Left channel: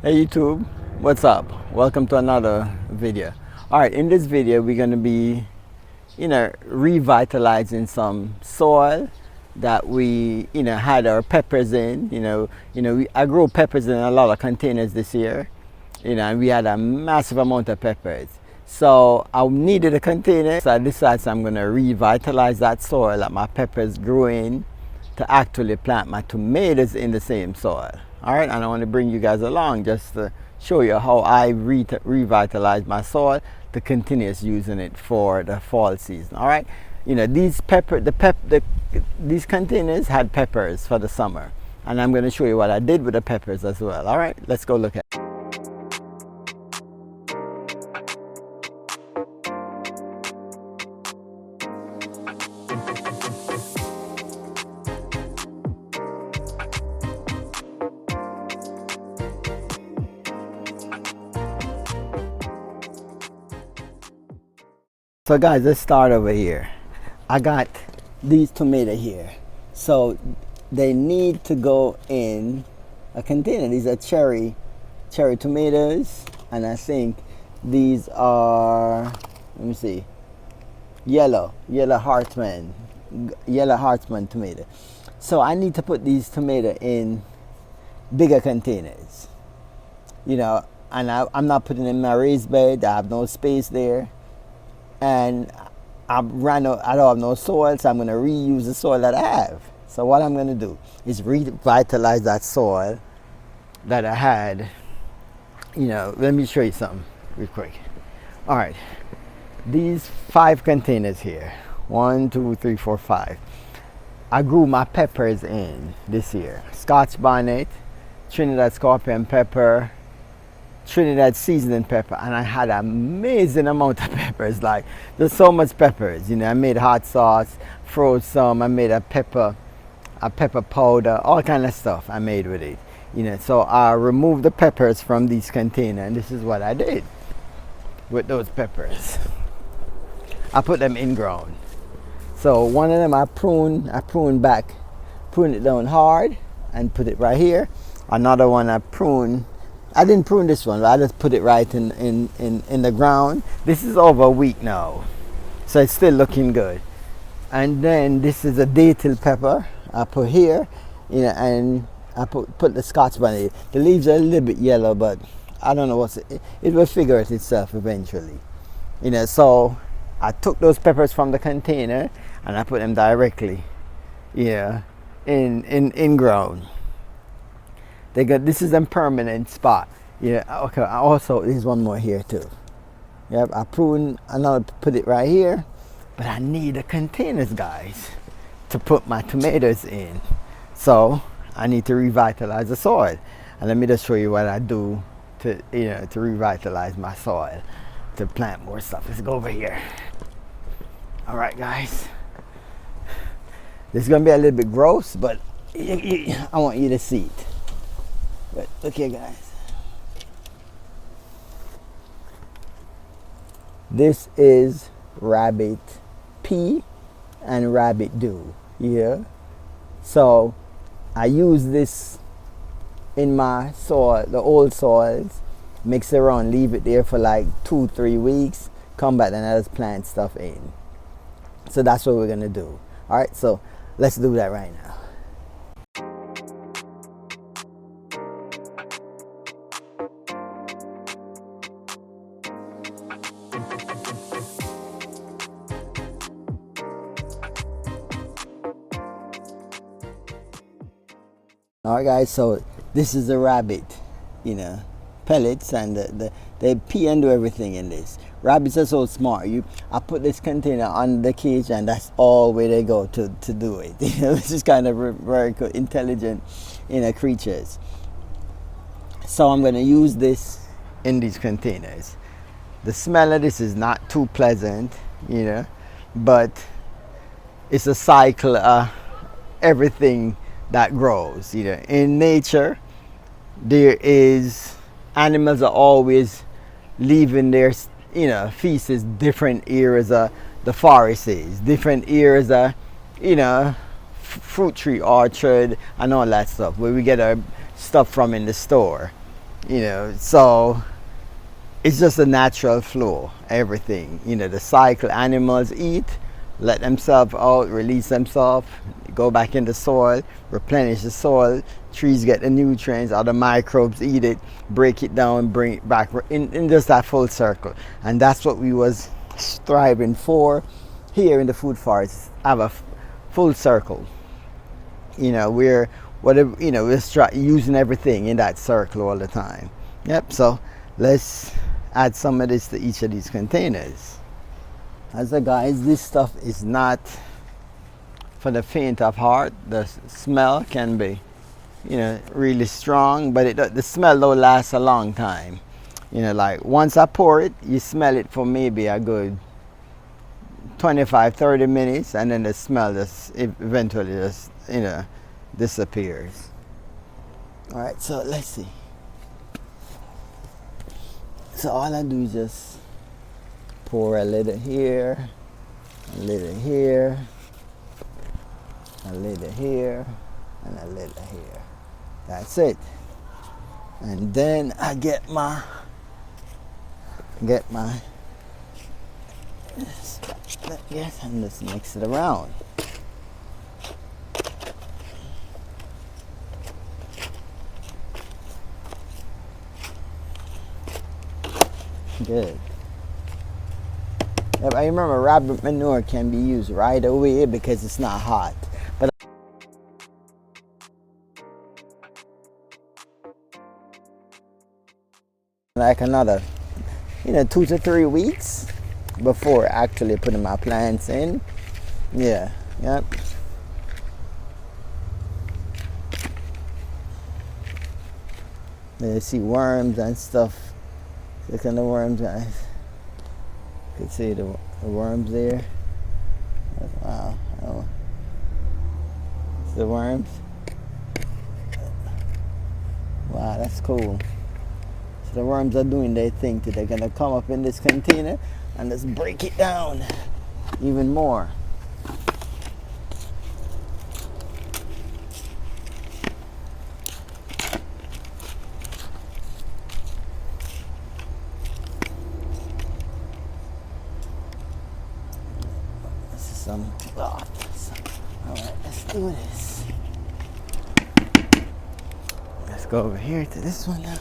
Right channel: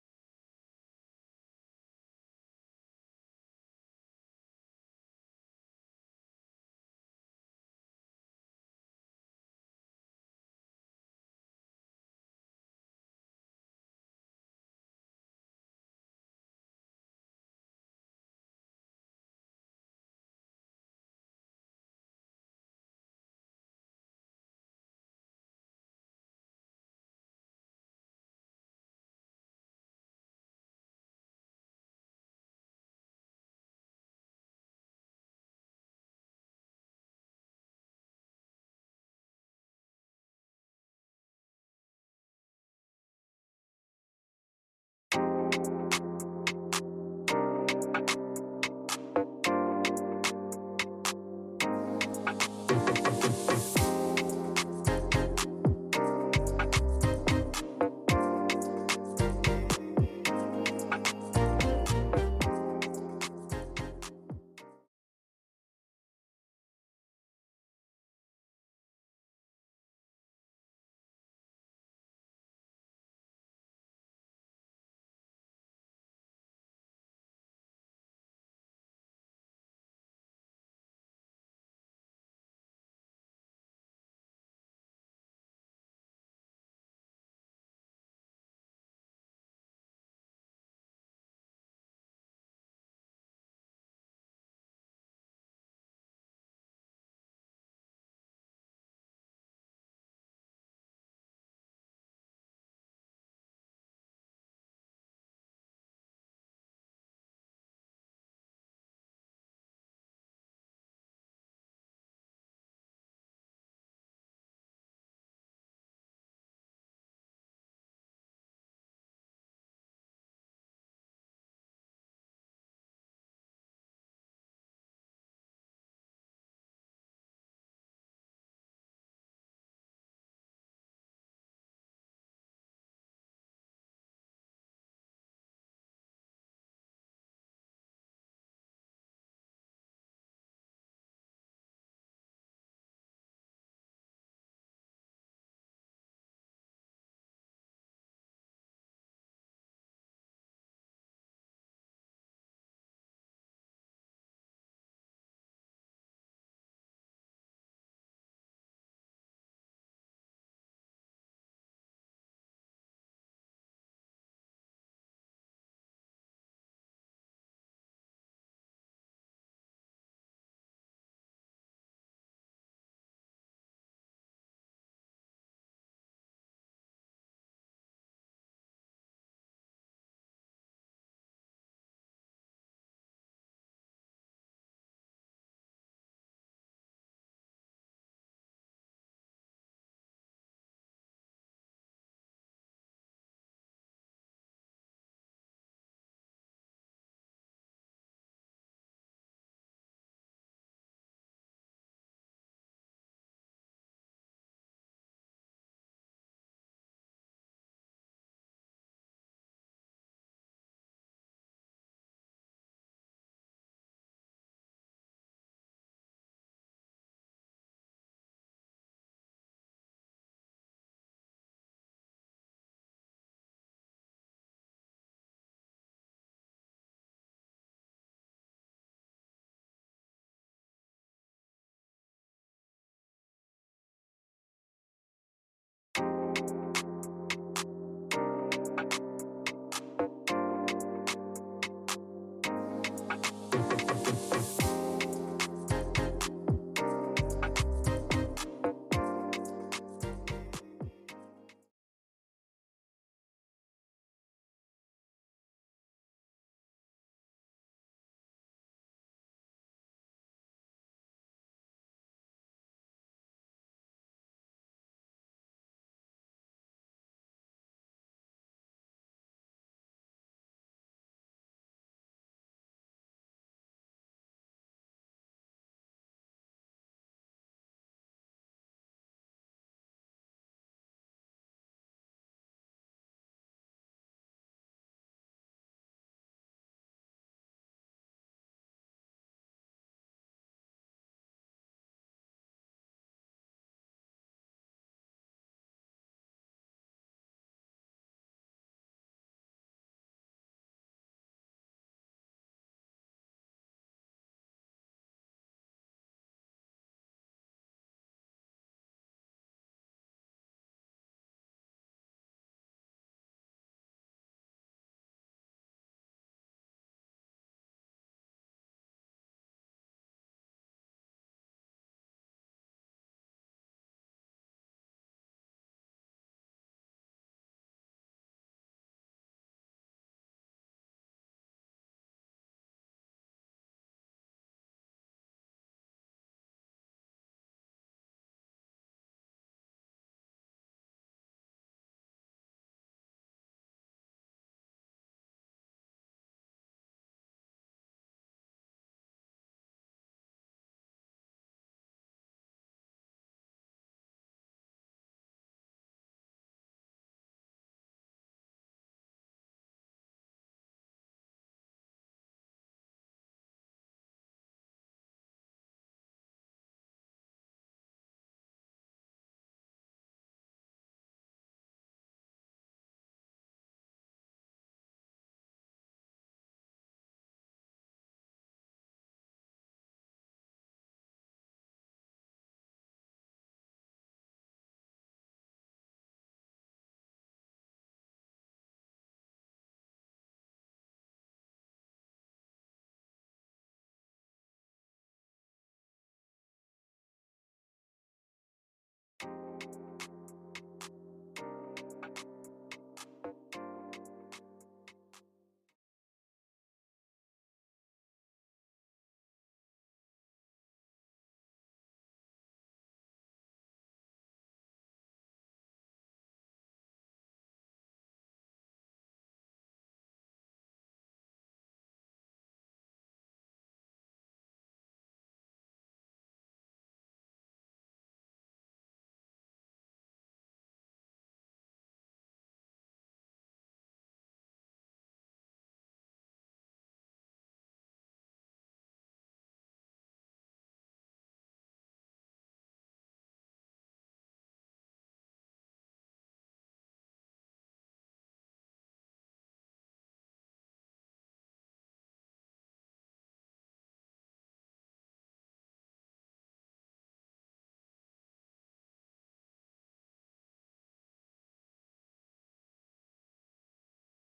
Hey YouTube, what's up? Welcome to another video. Alright, in this video we're going to be, revitalizing some soil that we, had our peppers in. I grew peppers in a lot of containers this year, and we had a massive amount of peppers. So I needed a container, so I decided I'm going to revitalize that soil that my peppers grew in to actually plant my tomatoes in the same soil. All right, and I want to bring you guys along just to show you how I revitalize my soil to continue using it for the fall season. All right, these these containers had peppers for the summer, and I'm going to show you what I did with the peppers as well. All right, let's go look at it. So guys, let's start over here. I got these tomatoes here. So they need to go in a container. These are cherry tomatoes. And I think these are, let me see, yellow Hartman tomato. So I need to put these tomatoes in bigger containers. And I'm not putting them in my raised bed. I have no space there. And I don't have no soil, so I'm going to reuse the soil that I have. So what I'm going to do is revitalize that soil that I had. Let me show you something real quick. All right, these 5 containers here, 1, 2, 3, 4, 5. I grew my peppers in this year. Scotch bonnet, Trinidad scorpion pepper, Trinidad seasoning pepper, and I had an amazing amount of peppers. Like, there's so much peppers. I made hot sauce, froze some. I made a pepper powder, all kind of stuff I made with it. So I removed the peppers from these containers, and this is what I did with those peppers. I put them in ground. So one of them I pruned it down hard, and put it right here. Another one I didn't prune this one, but I just put it right in the ground. This is over a week now, so it's still looking good. And then this is a datil pepper I put here, and I put the Scotch bonnet. The leaves are a little bit yellow, but I don't know it will figure it itself eventually. So I took those peppers from the container and I put them directly, in ground. This is a permanent spot. Okay. Also, there's one more here too. Yep, I prune another, put it right here, but I need the containers, guys, to put my tomatoes in. So I need to revitalize the soil, and let me just show you what I do to revitalize my soil to plant more stuff. Let's go over here. All right, guys. This is gonna be a little bit gross, but I want you to see it. But look here, guys. This is rabbit pea and rabbit dew. Yeah. So I use this in my soil, the old soils, mix it around, leave it there for like 2-3 weeks, come back and I just plant stuff in. So that's what we're gonna do. All right, so let's do that right now. Alright guys, so this is the rabbit, pellets, and they pee and do everything in this. Rabbits are so smart. I put this container on the cage and that's all where they go to do it. This is kind of very intelligent, creatures. So I'm going to use this in these containers. The smell of this is not too pleasant, but it's a cycle of everything that grows. In nature, there is animals are always leaving their feces different areas of the forest is, different areas of fruit tree orchard and all that stuff where we get our stuff from in the store. you know, so it's just a natural flow, everything, you know, the cycle. Animals eat, let themselves out, release themselves, go back in the soil, replenish the soil, trees get the nutrients, other microbes eat it, break it down, bring it back in just that full circle. And that's what we was striving for here in the food forest, have a full circle. You know, we're whatever, you know, we're using everything in that circle all the time. Yep, so let's add some of this to each of these containers. As a guys, this stuff is not for the faint of heart. The smell can be, you know, really strong, but the smell don't last a long time. You know, like once I pour it, you smell it for maybe a good 25-30 minutes, and then the smell just eventually just, you know, disappears. All right, so let's see. So all I do is just pour a little here, a little here, a little here, and a little here. That's it. And then I get my yes, and just mix it around. Good. Yep, I remember rabbit manure can be used right away because it's not hot. But like another, you know, 2 to 3 weeks before actually putting my plants in. Yeah, yep. There you see worms and stuff. Look at the worms, guys. You can see the worms there. Wow. Oh. The worms. Wow, that's cool. So the worms are doing their thing today. They're gonna come up in this container and just break it down even more. All right, let's do this. Let's go over here to this one now.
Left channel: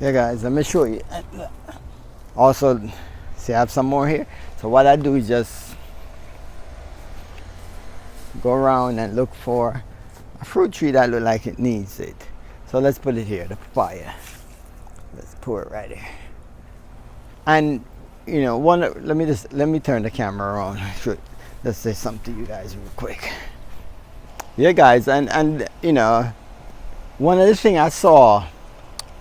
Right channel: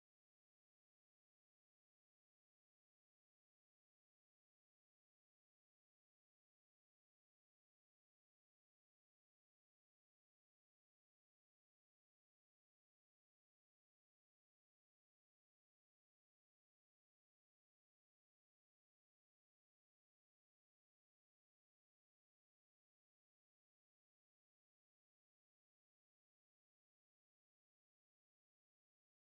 Yeah, guys, let me show you. Also, see, I have some more here. So what I do is just go around and look for a fruit tree that looks like it needs it. So let's put it here, the papaya. Let's pour it right here. And you know, let me turn the camera around. Let's say something to you guys real quick. Yeah, guys, and you know, one of the things I saw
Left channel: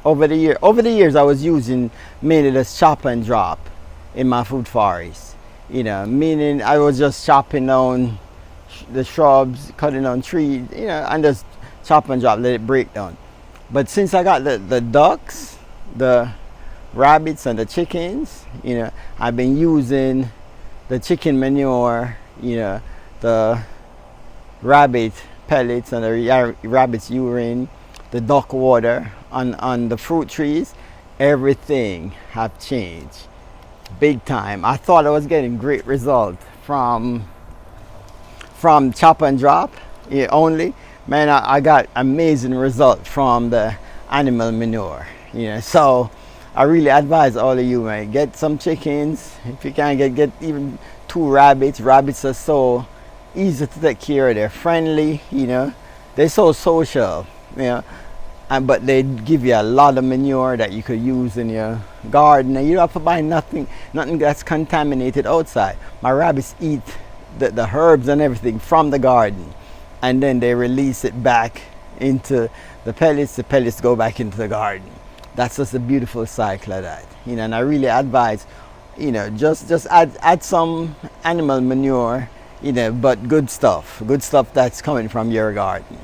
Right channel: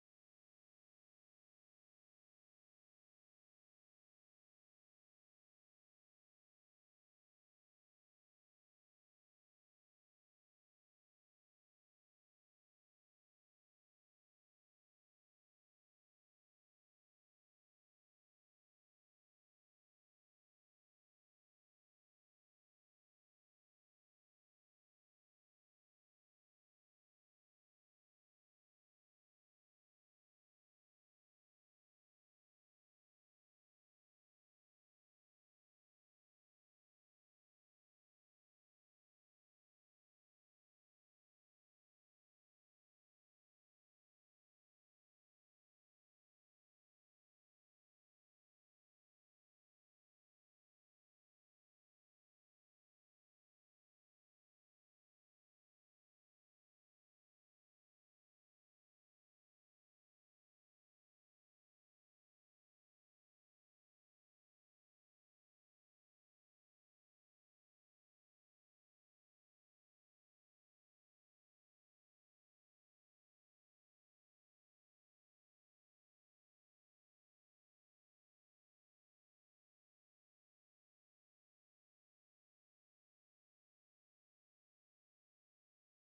over the years, I was using mainly the chop and drop in my food forest. You know, meaning I was just chopping down the shrubs, cutting down trees, you know, and just chop and drop, let it break down. But since I got the ducks, the rabbits, and the chickens, you know, I've been using the chicken manure, you know, the rabbit pellets and the rabbit's urine, the duck water on the fruit trees. Everything have changed big time. I thought I was getting great results from chop and drop only. Man, I got amazing results from the animal manure, you know. So I really advise all of you, man, get some chickens. If you can get even 2 rabbits. Rabbits are so easy to take care of. They're friendly, you know. They're so social, you know. But they give you a lot of manure that you could use in your garden, and you don't have to buy nothing that's contaminated outside. My rabbits eat the herbs and everything from the garden, and then they release it back into the pellets. The pellets go back into the garden. That's just a beautiful cycle of that, you know. And I really advise, you know, just add some animal manure you know, but good stuff that's coming from your garden,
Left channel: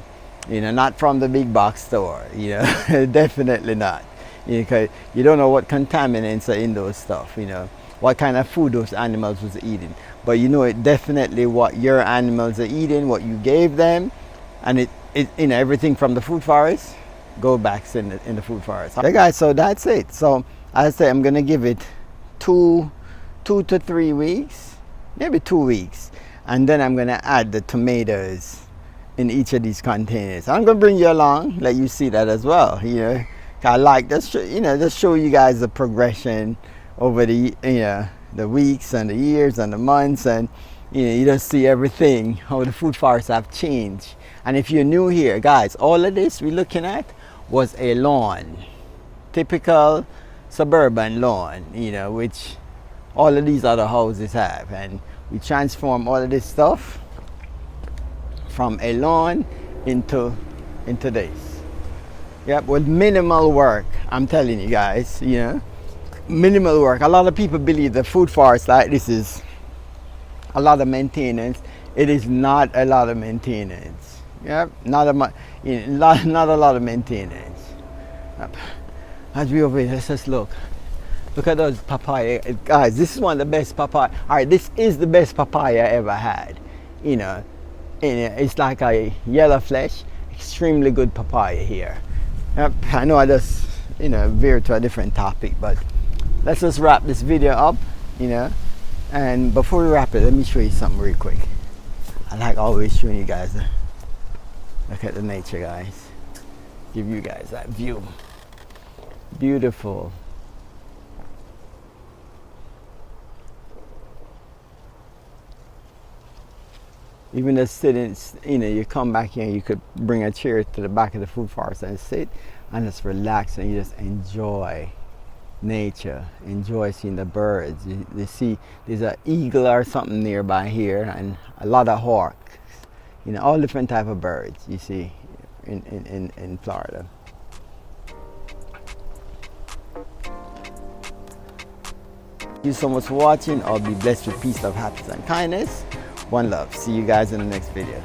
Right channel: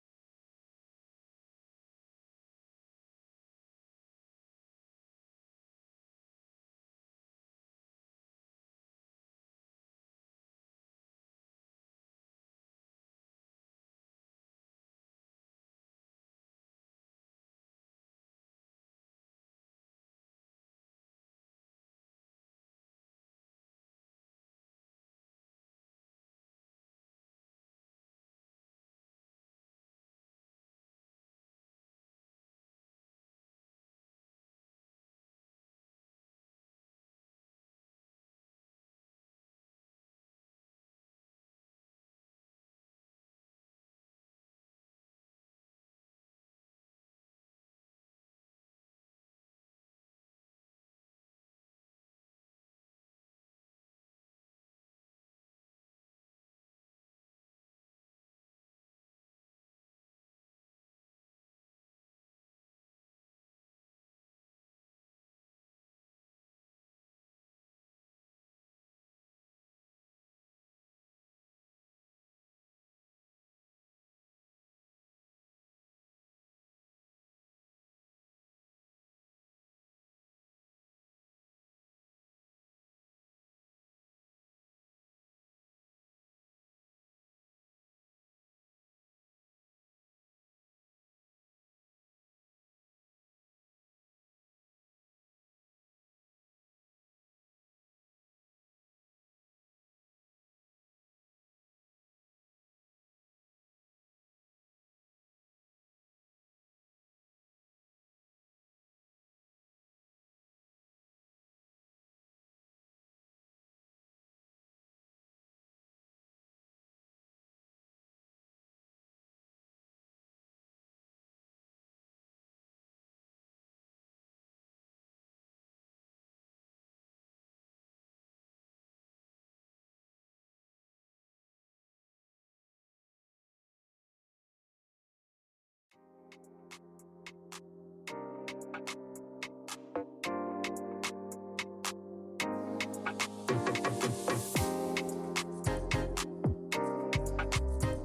you know, not from the big box store, you know. Definitely not, because you don't know what contaminants are in those stuff, you know, what kind of food those animals was eating, but you know it definitely what your animals are eating, what you gave them, and it you know, everything from the food forest go back in the food forest. Okay guys, so that's it. So I say I'm gonna give it 2 to 3 weeks, maybe 2 weeks, and then I'm gonna add the tomatoes in each of these containers. I'm gonna bring you along, let you see that as well. You know, I like this, you know, just show you guys the progression over the, you know, the weeks and the years and the months, and you know, you just see everything, how the food forests have changed. And if you're new here, guys, all of this we're looking at was a lawn, typical suburban lawn, you know, which all of these other houses have, and we transform all of this stuff from a lawn into this. Yep, with minimal work. I'm telling you guys, you know, minimal work. A lot of people believe the food forest like this is a lot of maintenance. It is not a lot of maintenance. Yep, not a lot of maintenance. Yep. As we over here, let's just look. Look at those papaya, guys. This is one of the best papaya. All right, this is the best papaya I ever had. You know, it's like a yellow flesh, extremely good papaya here. Yep, I know I just, you know, veered to a different topic, but let's just wrap this video up, you know. And before we wrap it, let me show you something real quick. I like always showing you guys. Look at the nature, guys. Give you guys that view. Beautiful. Even just sitting, you know, you come back here, you could bring a chair to the back of the food forest and sit and just relax, and you just enjoy nature, enjoy seeing the birds. You see there's an eagle or something nearby here, and a lot of hawks, you know, all different type of birds you see in Florida. Thank you so much for watching. I'll be blessed with peace, love, happiness, and kindness. One love. See you guys in the next video.